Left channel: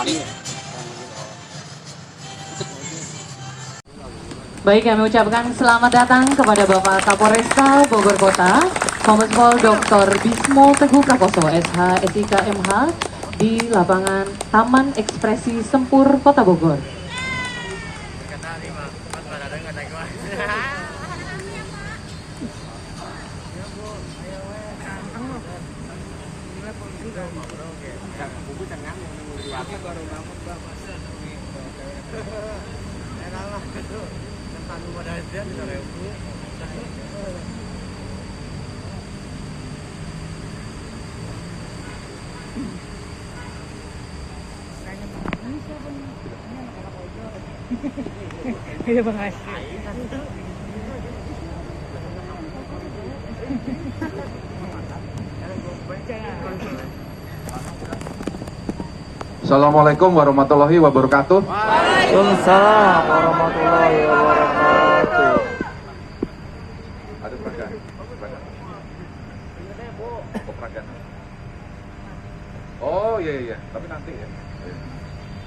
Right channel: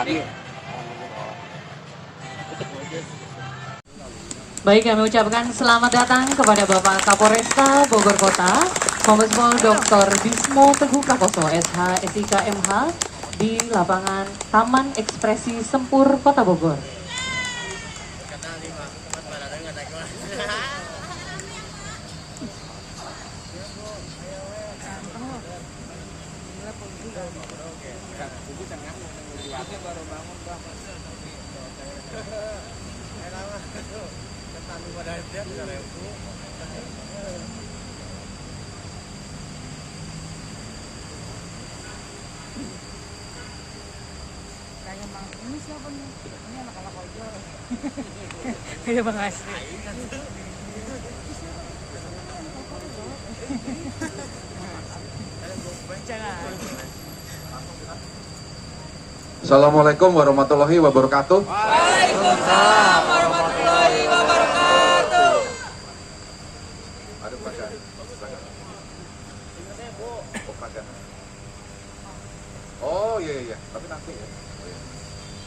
Baik, kami ucapkan selamat datang kepada Bapak Kapolresta Bogor Kota, Kombes Pol Dr. Bismo Teguh Prakoso, SH, SIK, MH, di lapangan Taman Ekspresi Sempur, Kota Bogor. Ini siapa nih? Ini anak kakak Polgor. Iya Bang Asri. Assalamualaikum warahmatullahi wabarakatuh. Waalaikumsalam warahmatullahi wabarakatuh. Oh iya, tapi nanti ya.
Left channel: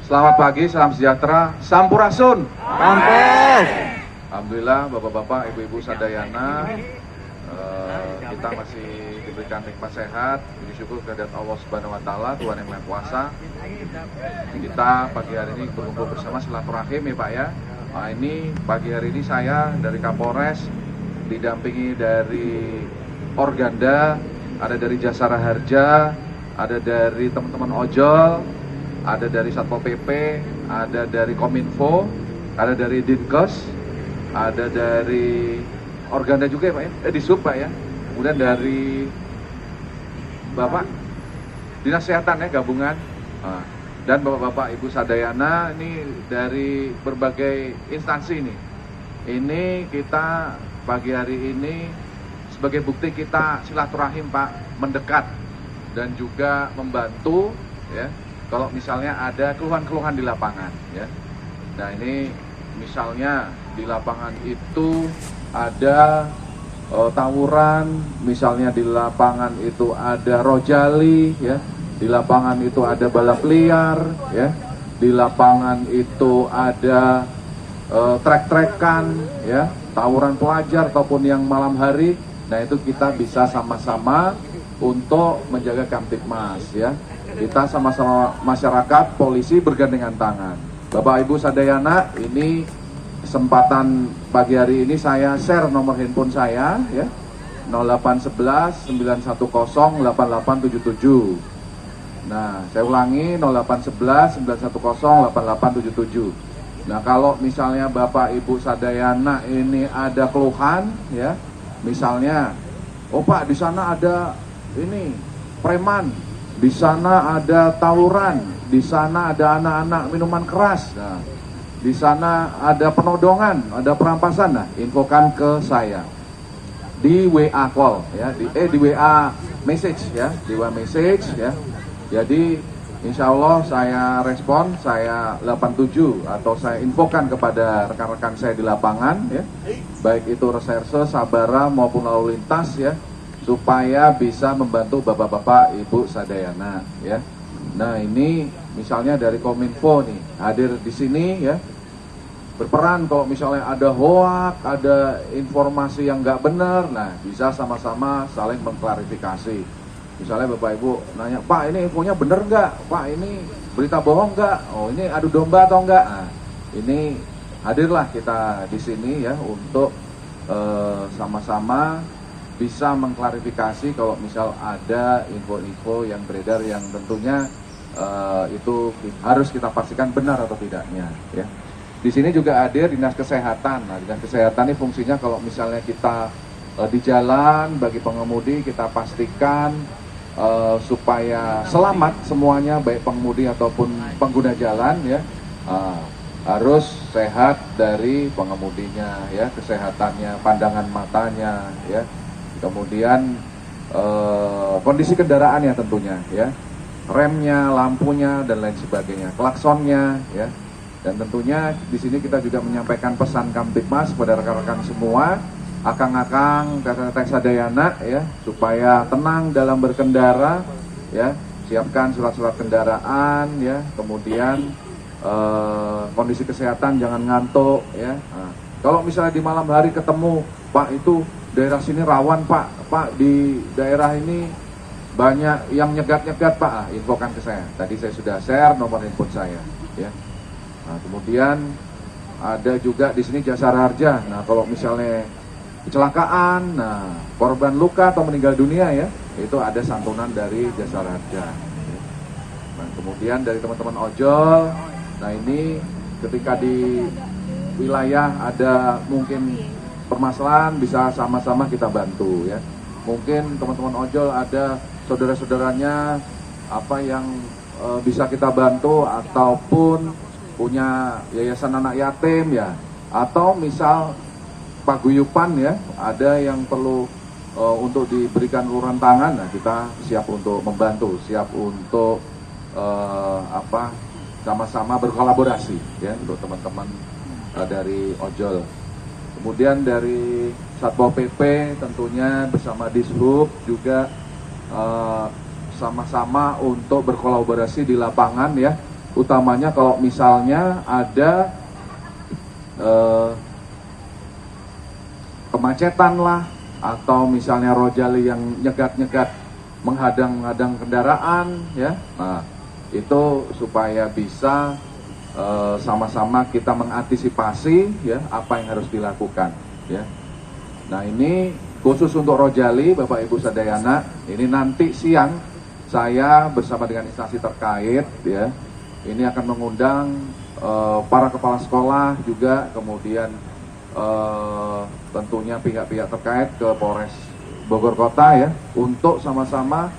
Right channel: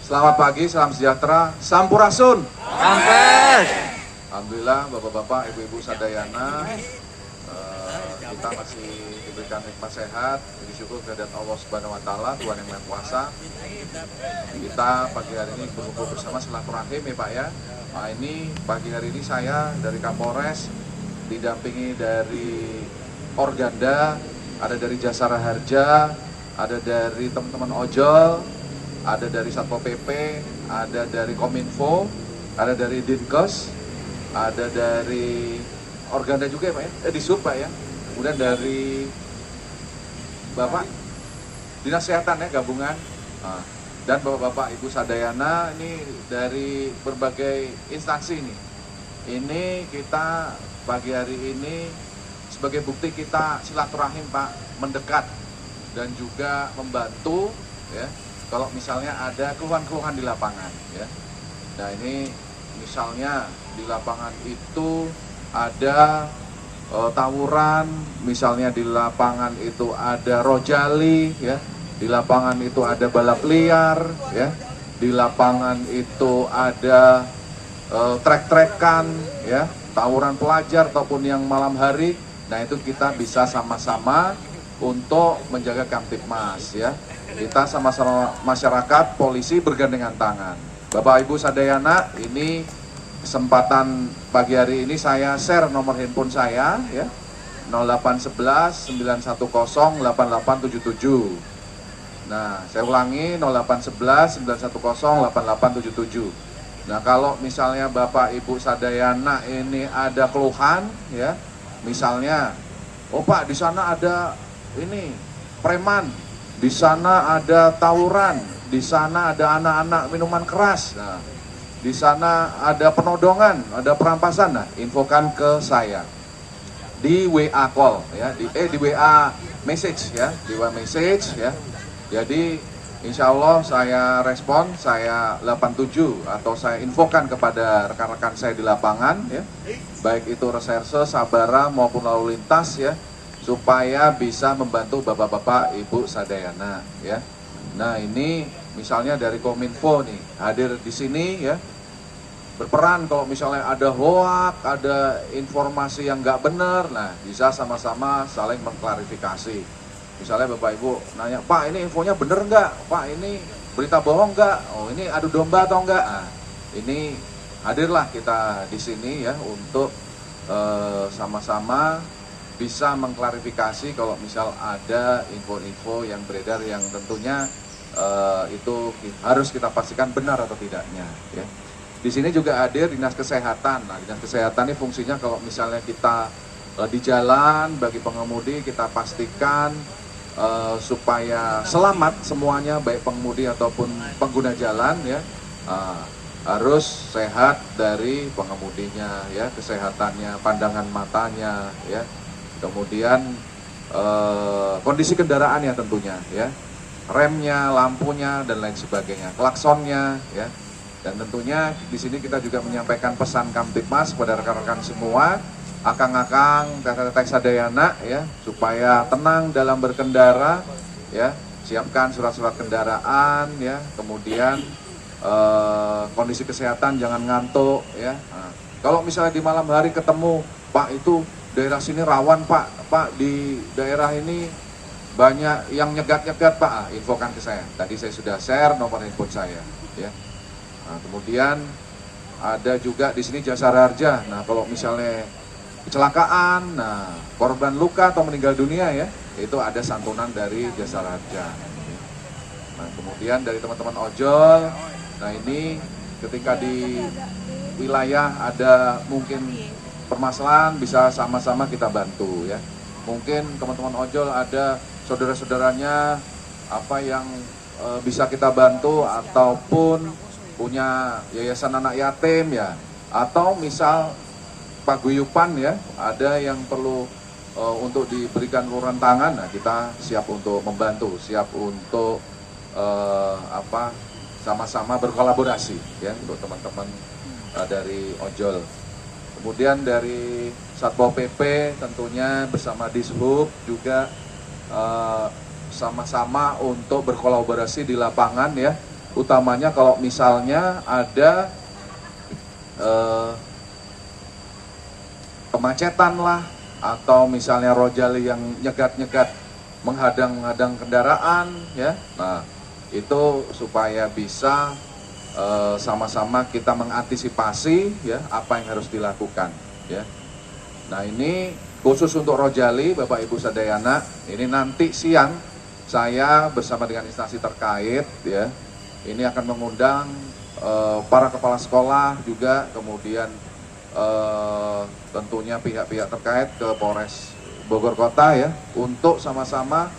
Selamat pagi, salam sejahtera, sampurasun. Sampes. Alhamdulillah bapak-bapak, ibu-ibu sadayana, kita masih diberikan nikmat sehat. Puji syukur kehadirat Allah Subhanahu Wa Taala, Tuhan yang Maha Kuasa. Kita pagi hari ini berkumpul bersama silaturahim ya Pak ya. Nah ini pagi hari ini saya dari Kapolres didampingi dari Organda, ada dari Jasara Harja, ada dari teman-teman ojol, ada dari Satpol PP, ada dari Kominfo, ada dari Dinkes, ada dari Organda juga ya Pak ya, di Sub Pak ya. Kemudian dari Bapak Dinas Kesehatan ya gabungan, dan Bapak-Bapak Ibu Sadayana ini dari berbagai instansi ini. Ini kita pagi hari ini sebagai bukti kita silaturahim Pak, mendekat dan juga membantu ya. Kalau misalnya ada keluhan-keluhan di lapangan ya. Nah ini misalnya di lapangan itu ada tawuran, misalnya di lapangan itu ada rojali ya, di lapangan itu ada balap liar ya, di lapangan itu ada trek-trekan ya, tawuran pelajar ataupun yang malam hari. Nah itu kita bisa sama-sama untuk menjaga Kamtibmas ya. Kita sama-sama masyarakat, polisi bergandengan tangan. Bapak Ibu Sadayana, ini kesempatan pagi hari ini saya share nomor handphone saya ya, 0811 910 8877. Nah saya ulangi 0811 910 8877. Nah kalau misalnya Bapak Ibu Sadayana ini ada keluhan ya, misalnya oh Pak di sana ada ini preman, di sana ada tawuran, di sana ada anak-anak minuman keras, nah, di sana ada penodongan, ada perampasan, nah infokan ke saya di WA call ya, di WA message ya, di WA message ya. Jadi insya Allah saya respon, saya 87 atau saya infokan kepada rekan-rekan saya di lapangan ya, baik itu reserse, sabara maupun lalu lintas ya, supaya bisa membantu bapak-bapak ibu sadayana ya. Nah ini misalnya dari Kominfo nih hadir di sini ya, berperan kalau misalnya ada hoak, ada informasi yang nggak benar, nah bisa sama-sama saling mengklarifikasi. Misalnya bapak ibu nanya, Pak ini infonya benar nggak? Pak ini berita bohong nggak? Oh ini adu domba atau enggak? Nah, ini hadirlah kita di sini ya untuk sama-sama bisa mengklarifikasi kalau misal ada info-info yang beredar yang tentunya itu harus kita pastikan benar atau tidaknya ya. Di sini juga hadir Dinas Kesehatan. Nah, Dinas Kesehatan ini fungsinya kalau misalnya kita di jalan bagi pengemudi kita pastikan supaya selamat semuanya, baik pengemudi ataupun pengguna jalan ya, harus sehat dari pengemudinya ya, kesehatannya, pandangan matanya ya, kemudian kondisi kendaraannya tentunya ya, remnya, lampunya dan lain sebagainya, klaksonnya ya. Dan tentunya di sini kita juga menyampaikan pesan Kamtibmas kepada rekan-rekan semua, akang-akang, teteh-teteh sadayana ya, supaya tenang dalam berkendara ya, siapkan surat-surat kendaraan ya, kemudian kondisi kesehatan, jangan ngantuk ya. Nah, kalau misalnya di malam hari ketemu, Pak itu daerah sini rawan Pak di daerah ini banyak yang nyegat-nyegat Pak, infokan ke saya. Tadi saya sudah share nomor handphone saya ya. Nah, kemudian ada juga di sini Jasara Harja. Nah, kalau misalnya kecelakaan, nah korban luka atau meninggal dunia ya, itu ada santunan dari Jasara Harja. Nah, kemudian dari teman-teman ojol, nah ini ketika di wilayah ada mungkin permasalahan, bisa sama-sama kita bantu ya. Mungkin teman-teman ojol ada saudara-saudaranya apa yang bisa kita bantu, ataupun punya yayasan anak yatim ya, atau misal paguyupan ya, ada yang perlu untuk diberikan uluran tangan, nah kita siap untuk membantu, siap untuk sama-sama berkolaborasi ya untuk teman-teman dari ojol. Kemudian dari Satpol PP tentunya bersama Dishub juga sama-sama untuk berkolaborasi di lapangan ya, utamanya kalau misalnya ada kemacetan lah, atau misalnya rojali yang nyegat-nyegat menghadang-hadang kendaraan ya. Nah, itu supaya bisa sama-sama kita mengantisipasi ya apa yang harus dilakukan ya. Nah, ini khusus untuk rojali Bapak Ibu Sadayana, ini nanti siang saya bersama dengan instansi terkait ya, ini akan mengundang para kepala sekolah juga, kemudian tentunya pihak-pihak terkait ke Polres Bogor Kota ya, untuk sama-sama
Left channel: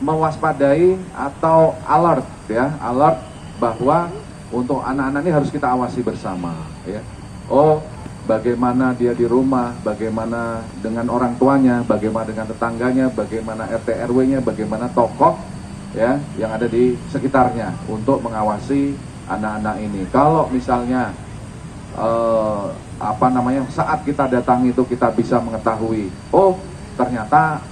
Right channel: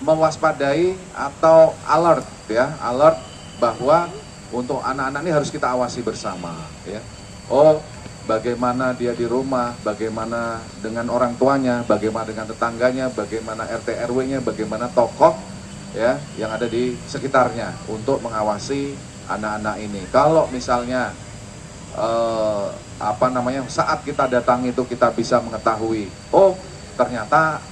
mewaspadai atau alert ya, alert bahwa untuk anak-anak ini harus kita awasi bersama ya. Oh, bagaimana dia di rumah, bagaimana dengan orang tuanya, bagaimana dengan tetangganya, bagaimana RT RW-nya, bagaimana tokoh ya yang ada di sekitarnya untuk mengawasi anak-anak ini. Kalau misalnya saat kita datang itu kita bisa mengetahui, oh ternyata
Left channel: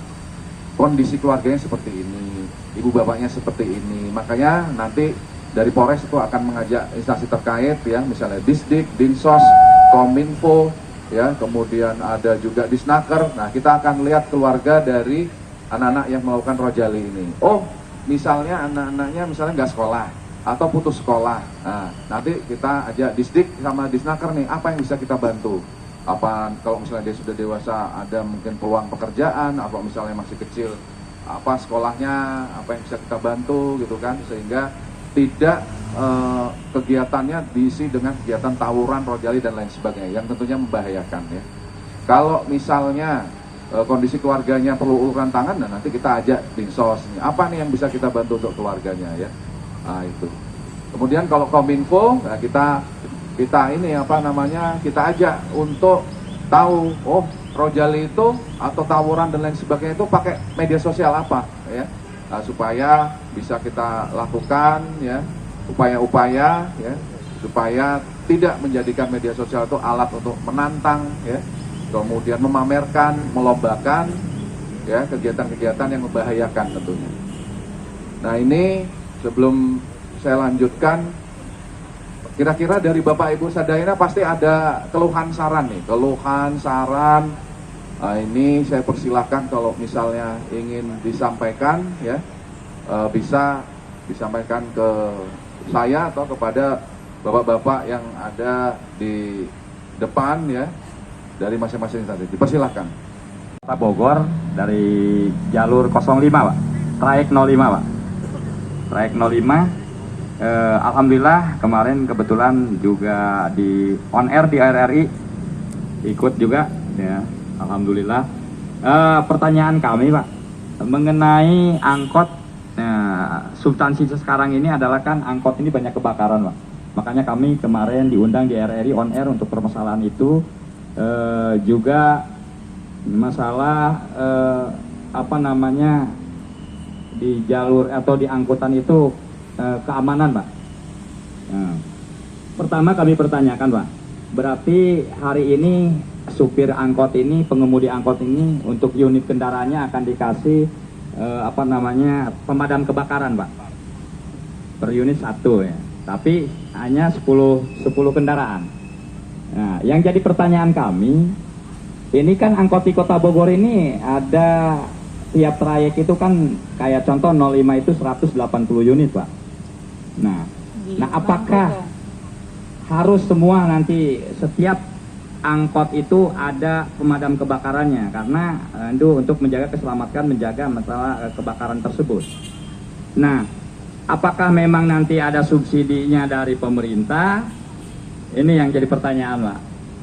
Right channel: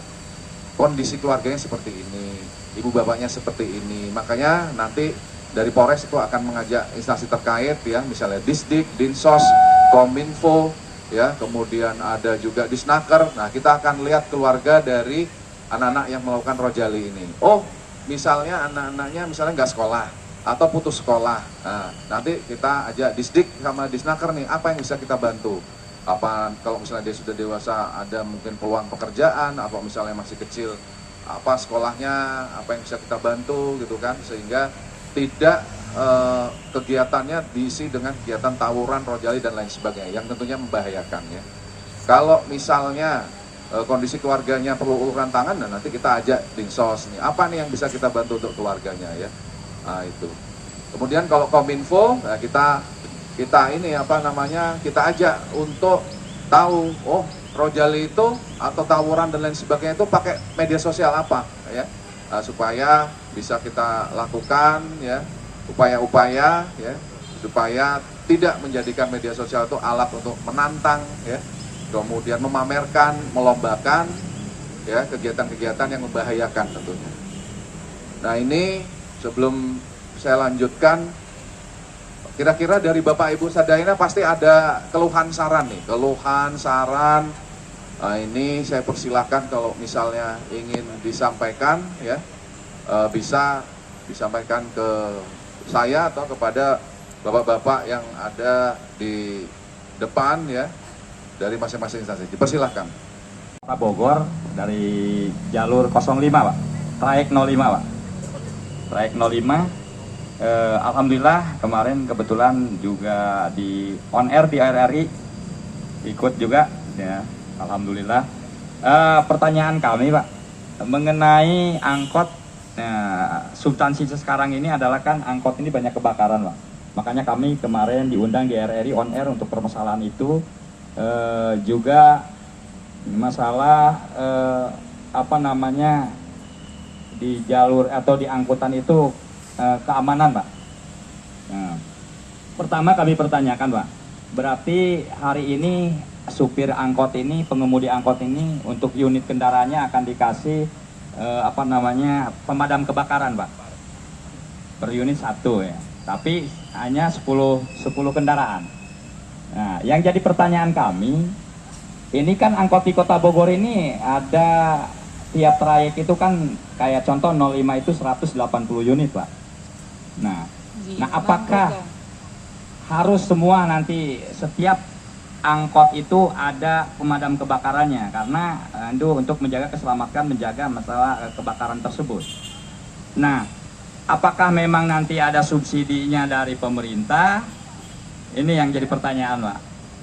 kondisi keluarganya seperti ini, ibu bapaknya seperti ini, makanya nanti dari Polres itu akan mengajak instansi terkait ya, misalnya Disdik, Dinsos, Kominfo ya, kemudian ada juga Disnaker. Nah, kita akan lihat keluarga dari anak-anak yang melakukan rojali ini. Oh, misalnya anak-anaknya misalnya nggak sekolah atau putus sekolah. Nah, nanti kita ajak Disdik sama Disnaker nih, apa yang bisa kita bantu? Apa kalau misalnya dia sudah dewasa, ada mungkin peluang pekerjaan, apa misalnya masih kecil, apa sekolahnya, apa yang bisa kita bantu gitu kan, sehingga tidak kegiatannya diisi dengan kegiatan tawuran, rojali dan lain sebagainya yang tentunya membahayakan ya. Kalau misalnya kondisi keluarganya perlu uluran tangan, nah nanti kita ajak Dinsos nih, apa nih yang bisa kita bantu untuk keluarganya ya. Nah, itu. Kemudian kalau Kominfo, nah kita kita ajak untuk tahu, oh rojali itu atau tawuran dan lain sebagainya itu pakai media sosial apa ya. Nah, supaya bisa kita lakukan ya upaya-upaya ya, supaya tidak menjadikan media sosial itu alat untuk menantang ya, kemudian memamerkan, melombakan ya kegiatan-kegiatan yang membahayakan tentunya. Nah, ini sebelum saya lanjutkan, kira-kira dari Bapak Ibu Sadayana pasti ada keluhan saran nih, keluhan saran. Nah, ini saya persilahkan kalau misalnya ingin disampaikan ya, bisa disampaikan ke saya atau kepada bapak-bapak yang ada di depan ya, dari masing-masing instansi. Dipersilahkan. Kota Bogor dari jalur 05 Pak, trayek 05 Pak, trayek 05. Alhamdulillah kemarin kebetulan juga di on air di RRI ikut juga ya. Alhamdulillah. Pertanyaan kami Pak mengenai angkot, substansi sekarang ini adalah kan angkot ini banyak kebakaran Pak. Makanya kami kemarin diundang di RRI on air untuk permasalahan itu. Juga masalah di jalur atau di angkutan itu keamanan Pak. Nah, pertama kami pertanyakan Pak, berarti hari ini supir angkot ini, pengemudi angkot ini untuk unit kendaraannya akan dikasih apa namanya, pemadam kebakaran, Pak. Per unit 1 ya. Tapi hanya 10 kendaraan. Nah, yang jadi pertanyaan kami, ini kan angkot di Kota Bogor ini ada tiap trayek itu kan kayak contoh 05 itu 180 unit, Pak. Nah, apakah harus semua nanti setiap angkot itu ada pemadam kebakarannya? Karena itu untuk menjaga keselamatan, menjaga masalah kebakaran tersebut. Nah, apakah memang nanti ada subsidinya dari pemerintah? Ini yang jadi pertanyaan, Pak.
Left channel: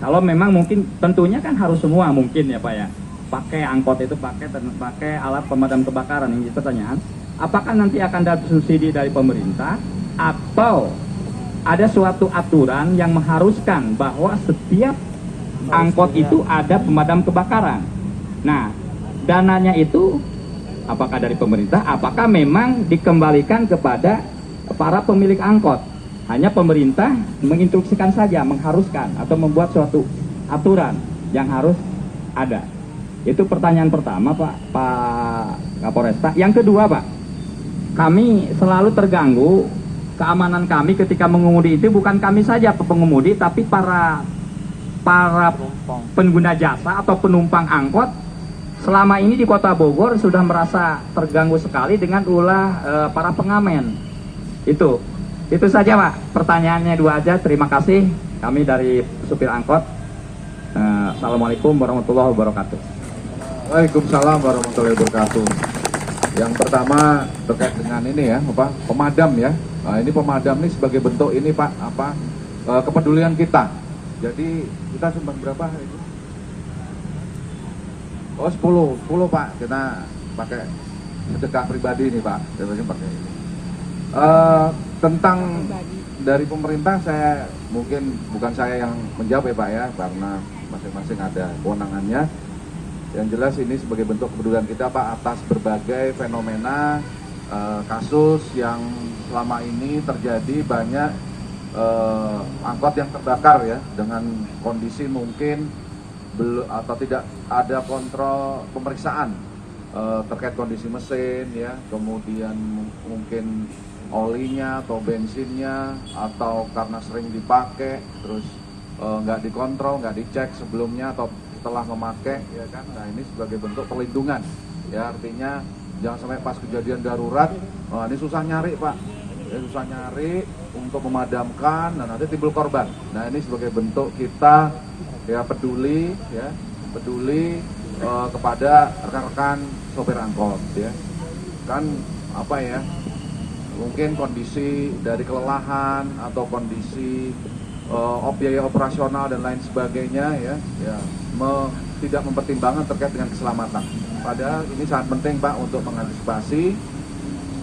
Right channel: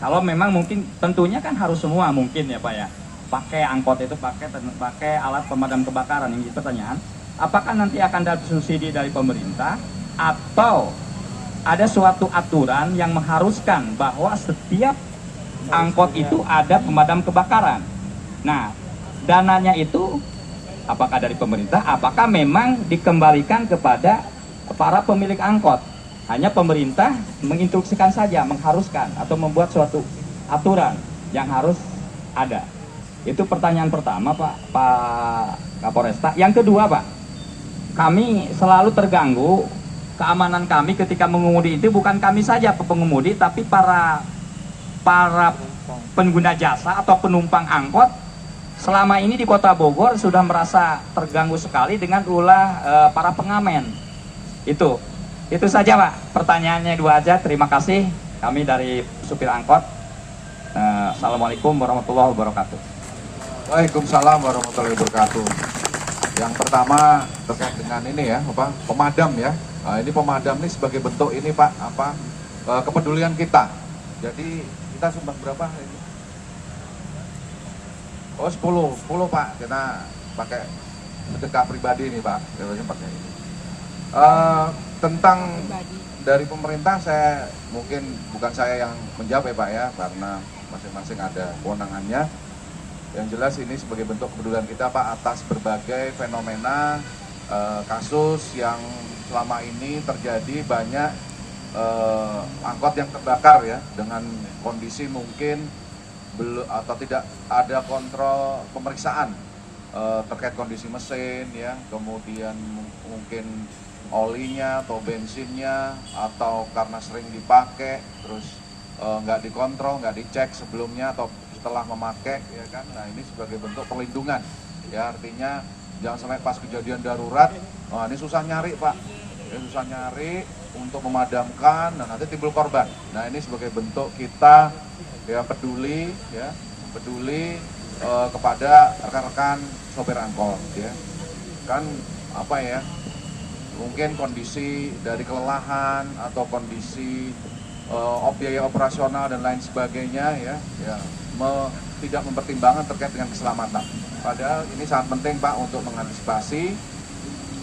Kalau memang mungkin tentunya kan harus semua mungkin ya, Pak ya. Pakai angkot itu pakai alat pemadam kebakaran. Ini pertanyaan. Apakah nanti akan ada subsidi dari pemerintah atau ada suatu aturan yang mengharuskan bahwa setiap angkot itu ada pemadam kebakaran? Nah, dananya itu apakah dari pemerintah, apakah memang dikembalikan kepada para pemilik angkot? Hanya pemerintah menginstruksikan saja, mengharuskan atau membuat suatu aturan yang harus ada. Itu pertanyaan pertama, Pak Kapolresta. Yang kedua, Pak, kami selalu terganggu keamanan kami ketika mengemudi. Itu bukan kami saja pengemudi, tapi para pengguna jasa atau penumpang angkot selama ini di Kota Bogor sudah merasa terganggu sekali dengan ulah para pengamen. Itu saja, Pak. Pertanyaannya 2 aja. Terima kasih. Kami dari supir angkot. Assalamualaikum warahmatullahi wabarakatuh. Waalaikumsalam warahmatullahi wabarakatuh. Yang pertama terkait dengan ini ya, pemadam ya. Nah, ini pemadam ini sebagai bentuk ini, Pak, kepedulian kita. Jadi kita sumbang berapa hari ini? Oh, 10 Pak. Kita pakai sedekah pribadi nih, Pak. Kita pakai. Tentang dari pemerintah, saya mungkin bukan saya yang menjawab ya, Pak ya, karena masing-masing ada kewenangannya. Yang jelas ini sebagai bentuk kepedulian kita, Pak, atas berbagai fenomena kasus yang selama ini terjadi. Banyak angkot yang terbakar ya, dengan kondisi mungkin belum atau tidak ada kontrol pemeriksaan terkait kondisi mesin ya, kemudian mungkin olinya atau bensinnya, atau karena sering dipakai terus nggak dikontrol, nggak dicek sebelumnya atau setelah memakai ya kan. Nah, ini sebagai bentuk perlindungan ya, artinya jangan sampai pas kejadian darurat, ini susah nyari, Pak ya, susah nyari untuk memadamkan dan nanti timbul korban. Nah, ini sebagai bentuk kita ya peduli kepada rekan-rekan sopir angkot ya kan, apa ya, mungkin kondisi dari kelelahan atau kondisi biaya operasional dan lain sebagainya ya tidak mempertimbangkan terkait dengan keselamatan. Padahal ini sangat penting, Pak, untuk mengantisipasi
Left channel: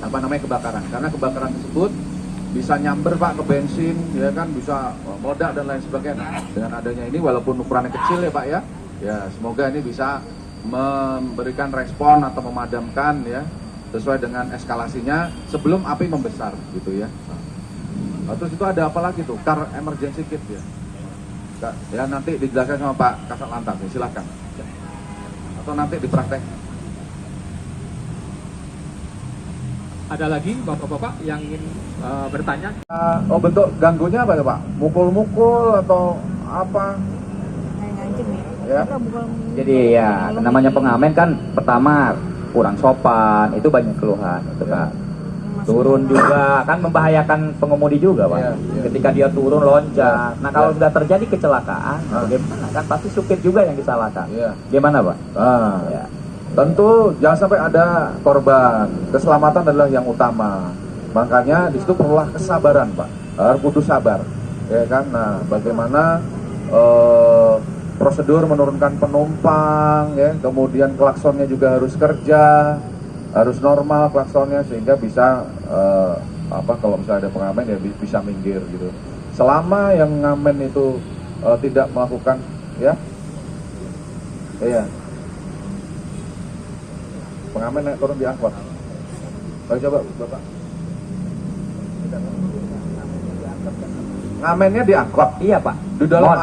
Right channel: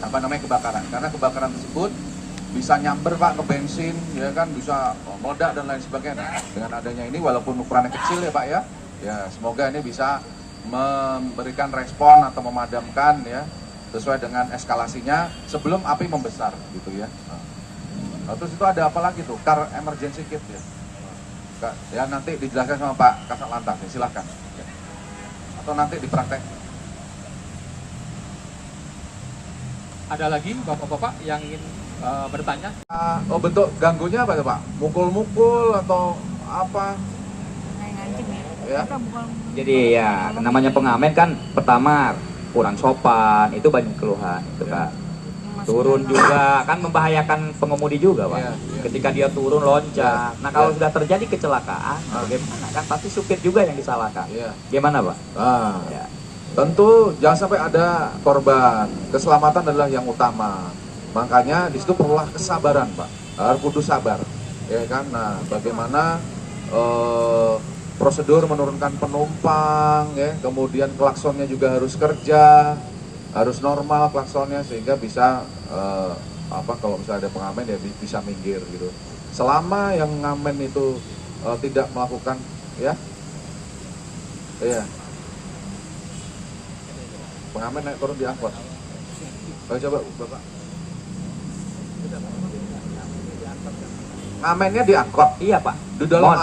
kebakaran, karena kebakaran tersebut bisa nyamber, Pak, ke bensin ya kan, bisa meledak dan lain sebagainya. Dengan adanya ini, walaupun ukurannya kecil ya, Pak ya semoga ini bisa memberikan respon atau memadamkan ya sesuai dengan eskalasinya sebelum api membesar gitu ya. Terus itu ada apa lagi tuh? Car emergency kit ya. Ya nanti dijelaskan sama Pak Kasat Lantas ya, silakan. Atau nanti dipraktek. Ada lagi bapak-bapak yang ingin bertanya? Bentuk ganggunya apa ya, Pak? Mukul-mukul atau apa? Ya. Jadi ya namanya pengamen kan pertama kurang sopan, itu banyak keluhan itu, Kak. Turun juga kan membahayakan pengemudi juga, Pak. Ketika dia turun loncat. Nah, kalau sudah terjadi kecelakaan, bagaimana? Kan pasti supir juga yang disalahkan. Gimana, Pak? Tentu jangan sampai ada korban. Keselamatan adalah yang utama. Makanya di situ perlulah kesabaran, Pak. Harus kudu sabar. Ya kan? Nah, bagaimana prosedur menurunkan penumpang ya, kemudian klaksonnya juga harus kerja, harus normal klaksonnya sehingga bisa kalau misalnya ada pengamen ya bisa minggir gitu. Selama yang ngamen itu tidak melakukan pengamen turun di angkot. Ayo coba Bapak. Ngamennya di angkot. Iya, Pak.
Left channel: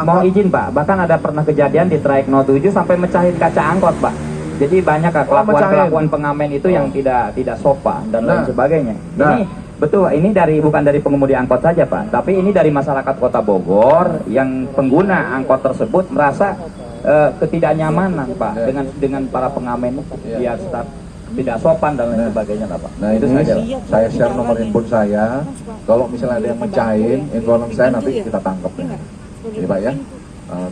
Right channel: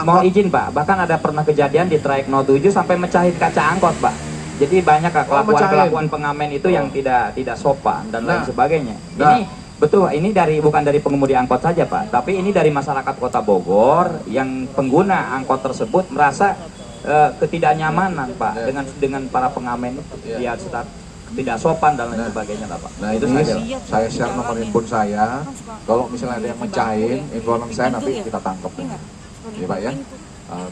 Mohon izin, Pak. Bahkan ada pernah kejadian di trayek 07 sampai mecahin kaca angkot, Pak. Jadi banyak mecahin. kelakuan pengamen itu yang tidak sopan dan lain Nah. sebagainya. Nah. Ini betul, ini bukan dari pengemudi angkot saja Pak, tapi ini dari masyarakat Kota Bogor yang pengguna angkot tersebut merasa ketidaknyamanan Pak dengan para pengamen dia tidak sopan dan lain sebagainya Pak. Nah Itu ini saja. saya share nomor handphone saya. Kalau misalnya ada yang mecahin, informasi saya nanti kita tangkap. Ya Pak ya.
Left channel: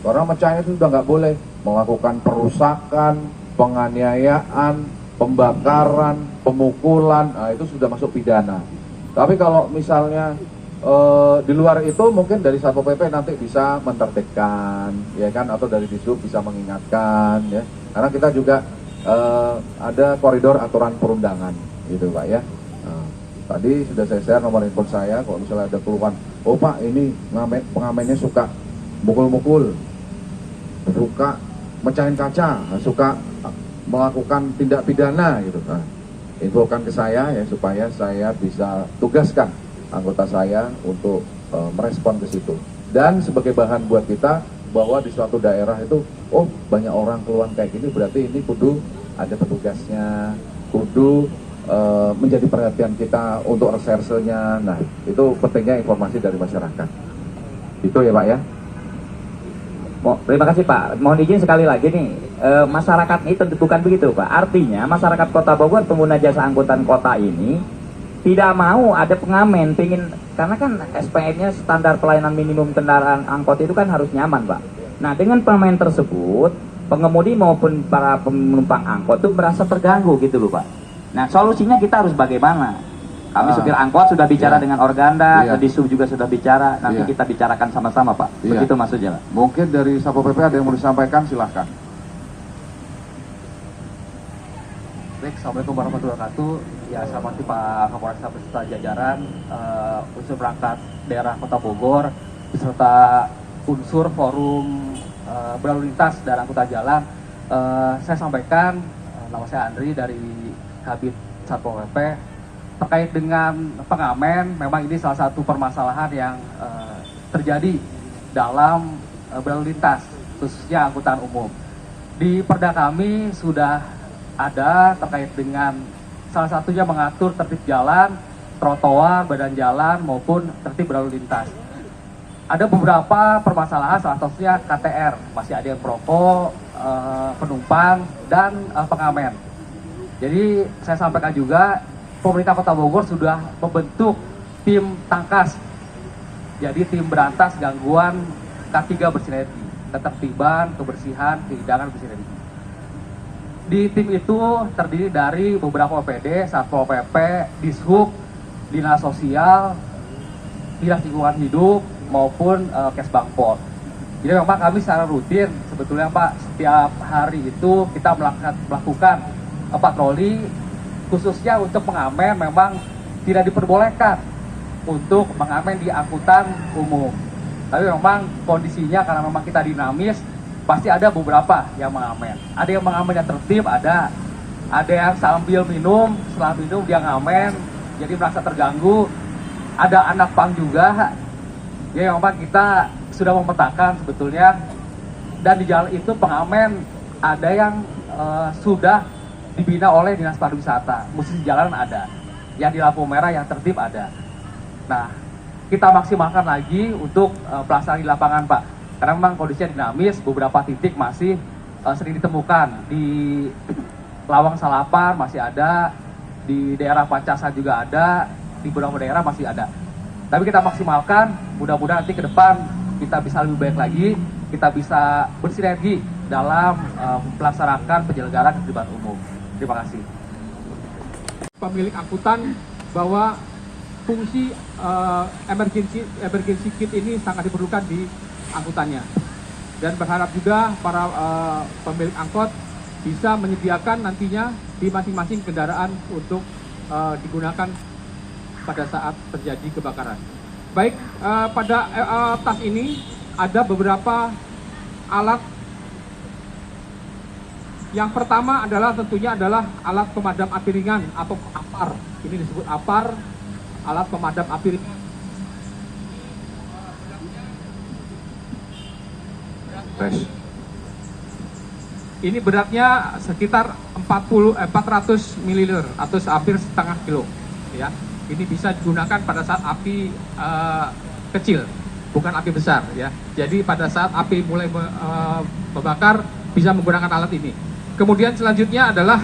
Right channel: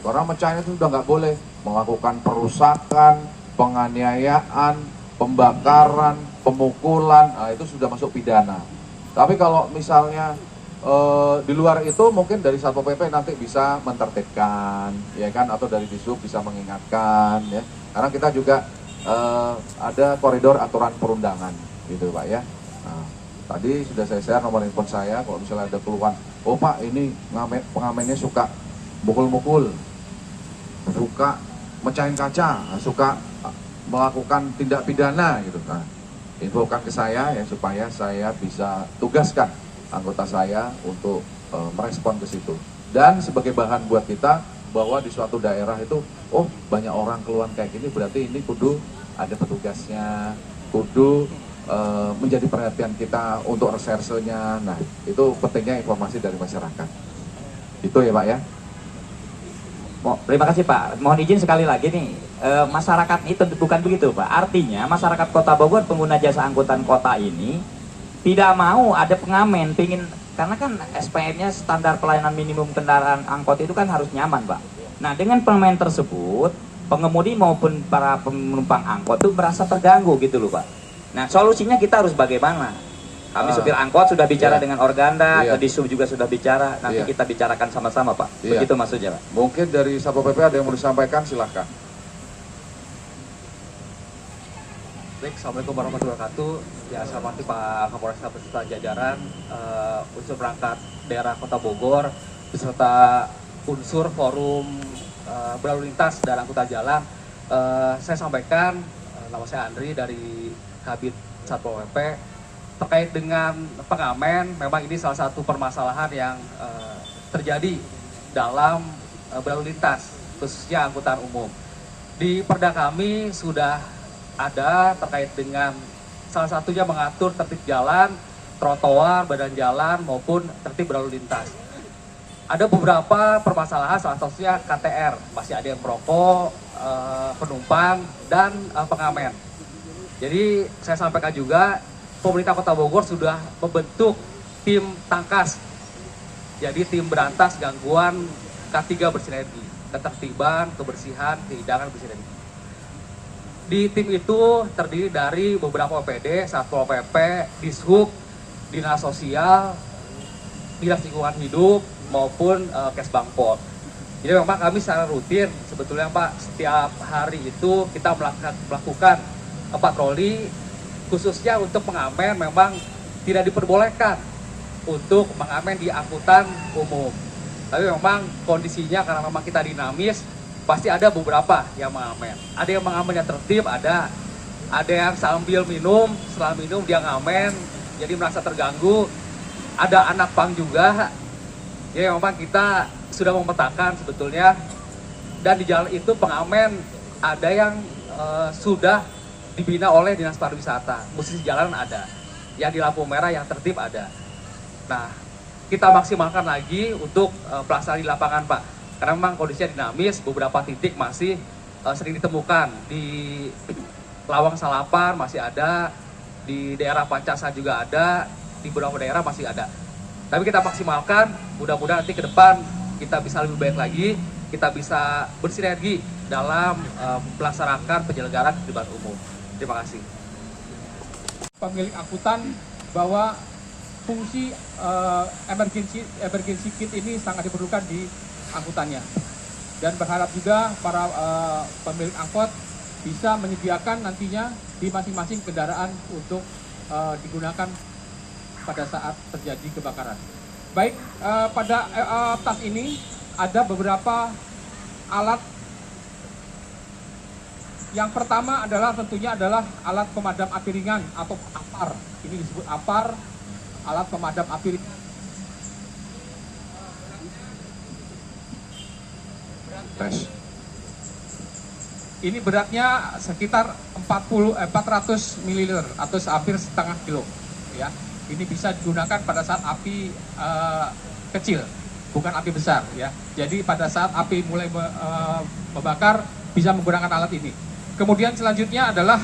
Orang mecahin itu sudah nggak boleh melakukan perusakan, penganiayaan, pembakaran, pemukulan. Nah, itu sudah masuk pidana. Tapi kalau misalnya di luar itu mungkin dari Satpol PP nanti bisa menertibkan, ya kan, atau dari Disub bisa mengingatkan, ya. Karena kita juga ada koridor aturan perundangan, gitu Pak ya. Nah, tadi sudah saya share nomor handphone saya. Kalau misalnya ada keluhan, oh Pak ini pengamennya suka mukul-mukul, suka mecahin kaca, suka melakukan tindak pidana, gitu. Nah, infokan ke saya ya supaya saya bisa tugaskan anggota saya untuk merespon ke situ. Dan sebagai bahan buat kita bahwa di suatu daerah itu, oh banyak orang keluhan kayak gini, berarti ini kudu ada petugasnya, kudu menjadi perhatian kita untuk resersenya. Nah, itu pentingnya informasi dari masyarakat. Itu ya Pak ya. Terima kasih Pak. Mohon izin sekali lagi nih, masyarakat ini tentu bukan begitu Pak. Artinya masyarakat Kota Bogor pengguna jasa angkutan kota ini tidak mau ada pengamen, karena kan SPN-nya standar pelayanan minimum kendaraan angkot itu kan harus nyaman Pak. Nah dengan pengamen tersebut, pengemudi maupun para penumpang angkot itu merasa terganggu gitu loh Pak. Nah solusinya kita harus bagaimana? Kami supir angkot sudah bicara dengan Organda, ke Disub juga sudah bicara, nanti kita bicarakan sama-sama Pak. Begitu maksudnya Pak. Mungkin dari Satpol PP ada yang mau disampaikan, silahkan. Baik, Assalamualaikum warahmatullahi wabarakatuh. Ya, saya hormati Pak Kapolresta beserta jajaran, unsur perangkat daerah Kota Bogor, beserta unsur forum berlalu lintas dan angkutan jalan. Saya sampaikan, nama saya Andri dari Kabid Satpol PP, terkait dengan pengamen. Memang ini salah satu permasalahan yang terjadi dalam berlalu lintas, khususnya angkutan umum. Di Perda kami sudah ada terkait dengan salah satunya mengatur tertib jalan, trotoar, badan jalan maupun tertib berlalu lintas. Ada beberapa permasalahan, salah satunya KTR, masih ada yang perokok, penumpang, dan pengamen. Jadi saya sampaikan juga, pemerintah Kota Bogor sudah membentuk tim tangkas, jadi tim berantas gangguan K3 bersinergi, ketertiban, kebersihan, kehidangan bersinergi. Di tim itu terdiri dari beberapa OPD, Satpol PP, Dishub, Dinas Sosial, Dinas Lingkungan Hidup, maupun Kesbangpol. Jadi memang kami secara rutin, sebetulnya Pak, setiap hari itu kita melakukan patroli, khususnya untuk pengamen memang tidak diperbolehkan untuk mengamen di angkutan umum. Tapi memang kondisinya karena memang kita dinamis, pasti ada beberapa yang mengamen. Ada yang mengamen yang tertib, ada yang sambil minum, setelah minum dia ngamen, jadi merasa terganggu. Ada anak pang juga, ya memang kita sudah memetakan sebetulnya. Dan di jalan itu pengamen ada yang sudah dibina oleh Dinas Pariwisata, musisi jalanan ada, yang di lampu merah yang tertib ada. Nah, kita maksimalkan lagi untuk pelaksanaan di lapangan Pak. Karena memang kondisinya dinamis, beberapa titik masih sering ditemukan. Di Lawang Salapan masih ada, di daerah Pancasa juga ada, di beberapa daerah masih ada. Tapi kita maksimalkan, mudah-mudahan nanti ke depan kita bisa lebih baik lagi, kita bisa bersinergi dalam melaksanakan penyelenggaraan ketertiban umum. Terima kasih. Pemilik angkutan bahwa fungsi emergency kit ini sangat diperlukan di angkutannya, dan berharap juga para pemilik angkot bisa menyediakan nantinya di masing-masing kendaraan untuk digunakan pada saat terjadi kebakaran. Baik, pada tas ini ada beberapa alat. Yang pertama adalah tentunya adalah alat pemadam api ringan atau APAR. Ini disebut APAR, alat pemadam api ringan. Tes. Ini beratnya sekitar 400 ml atau hampir setengah kilo. Ya, ini bisa digunakan pada saat api kecil, bukan api besar. Ya, jadi pada saat api mulai membakar bisa menggunakan alat ini. Kemudian selanjutnya adalah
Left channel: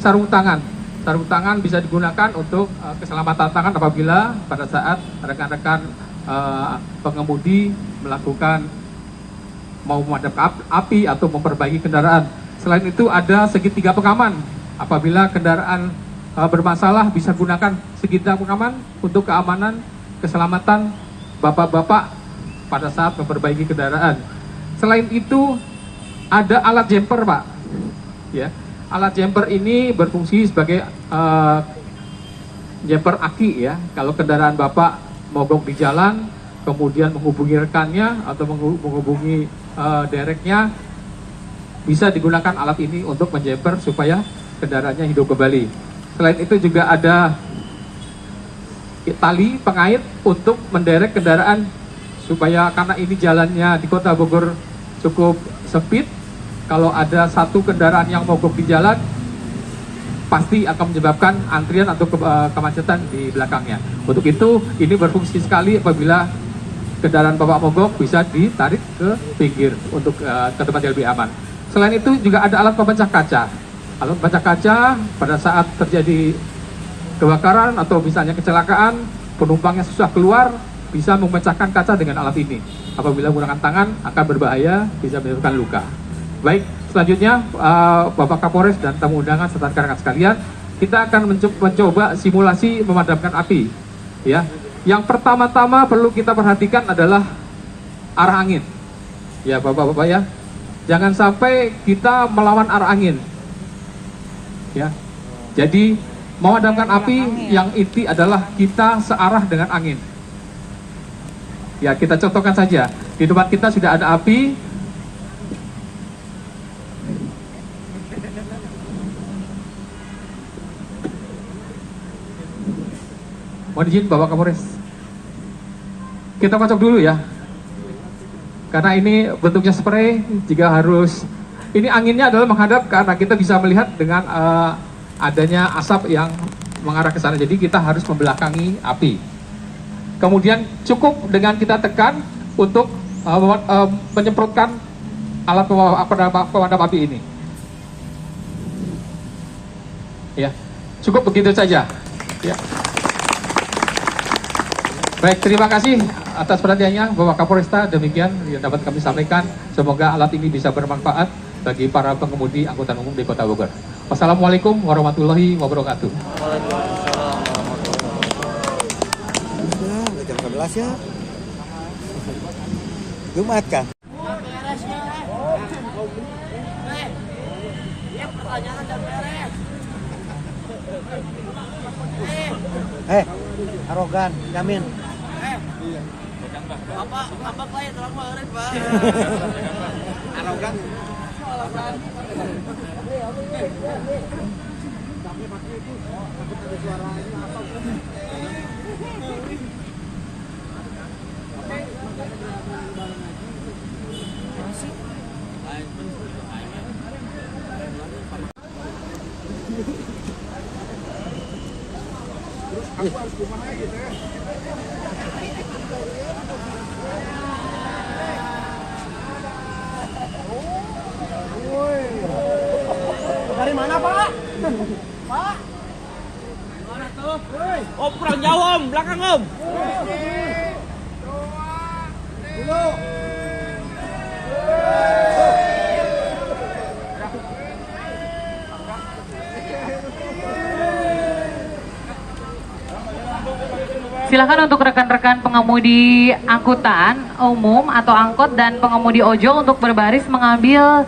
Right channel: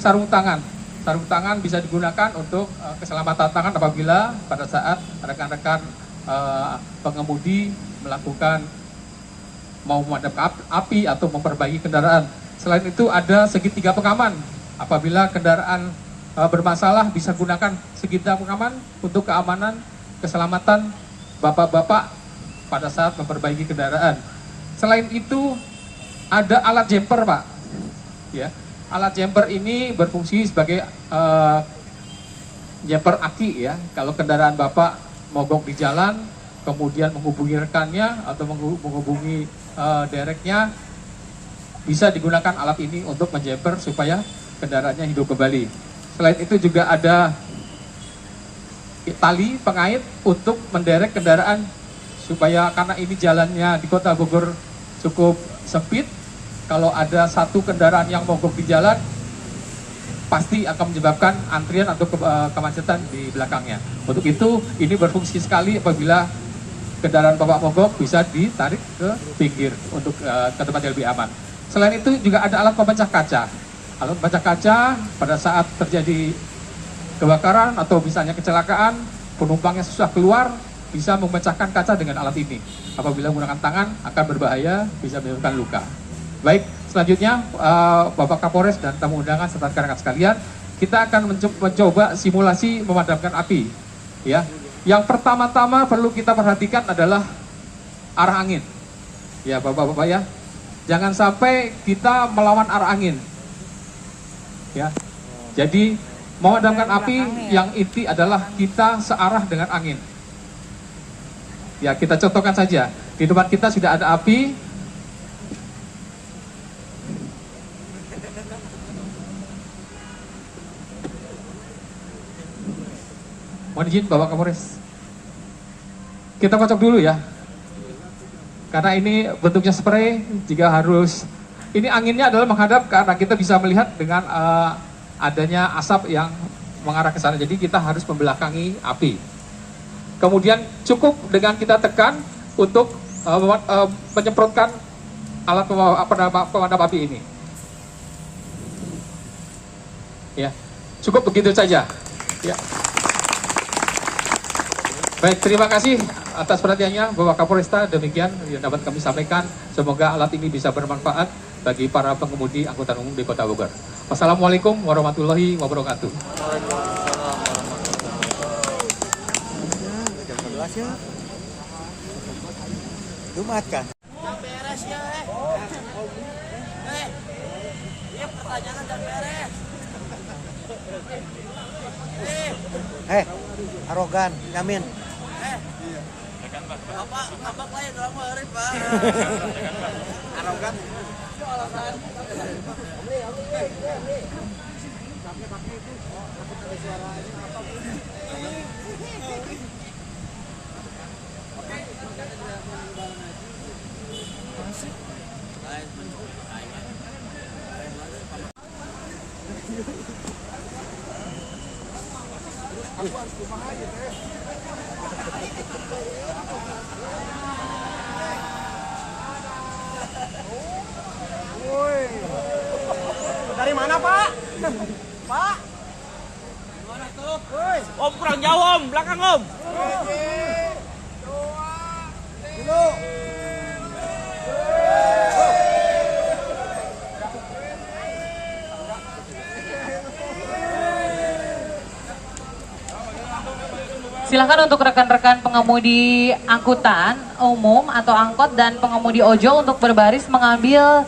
sarung tangan. Sarung tangan bisa digunakan untuk keselamatan tangan apabila pada saat rekan-rekan pengemudi melakukan mau memadamkan api atau memperbaiki kendaraan. Selain itu ada segitiga pengaman. Apabila kendaraan bermasalah bisa gunakan segitiga pengaman untuk keamanan, keselamatan bapak-bapak pada saat memperbaiki kendaraan. Selain itu ada alat jumper, Pak. Ya, alat jumper ini berfungsi sebagai jumper aki ya. Kalau kendaraan bapak mogok di jalan, kemudian menghubungi rekannya atau menghubungi dereknya, bisa digunakan alat ini untuk menjumper supaya kendaraannya hidup kembali. Selain itu juga ada tali pengait untuk menderek kendaraan supaya, karena ini jalannya di Kota Bogor cukup sempit, kalau ada satu kendaraan yang mogok di jalan pasti akan menyebabkan antrian atau kemacetan di belakangnya. Untuk itu ini berfungsi sekali apabila kendaraan bapak mogok bisa ditarik ke pinggir untuk ke tempat yang lebih aman. Selain itu juga ada alat pemecah kaca. Alat pemecah kaca pada saat terjadi kebakaran atau misalnya kecelakaan, penumpangnya susah keluar, bisa memecahkan kaca dengan alat ini. Apabila menggunakan tangan akan berbahaya, bisa menyebabkan luka. Baik, selanjutnya Bapak Kapolres dan tamu undangan serta rekan-rekan sekalian, kita akan mencoba simulasi memadamkan api. Ya, yang pertama-tama perlu kita perhatikan adalah arah angin. Ya, Bapak-bapak ya, jangan sampai kita melawan arah angin. Ya, jadi memadamkan api yang inti adalah kita searah dengan angin. Ya, kita contohkan saja. Di depan kita sudah ada api. Mohon izin Bapak Kapolres. Kita kocok dulu ya. Karena ini bentuknya spray, jika harus, ini anginnya adalah menghadap karena kita bisa melihat dengan adanya asap yang mengarah ke sana. Jadi kita harus membelakangi api. Kemudian cukup dengan kita tekan untuk menyemprotkan alat pemadam api ini. Ya, cukup begitu saja. Ya. Baik, terima kasih atas perhatiannya Bapak Kapolresta. Demikian yang dapat kami sampaikan. Semoga alat ini bisa bermanfaat bagi para pengemudi angkutan umum di Kota Bogor. Wassalamualaikum warahmatullahi wabarakatuh. Waalaikumsalam warahmatullahi wabarakatuh. Jam 11 ya. Jumat kan? Arogan, jamin. Dari mana, Pak? Pak? Om kurang jauh Om, belakang Om. Dulu. Silakan untuk rekan-rekan pengemudi angkutan umum atau angkot dan pengemudi ojol untuk berbaris mengambil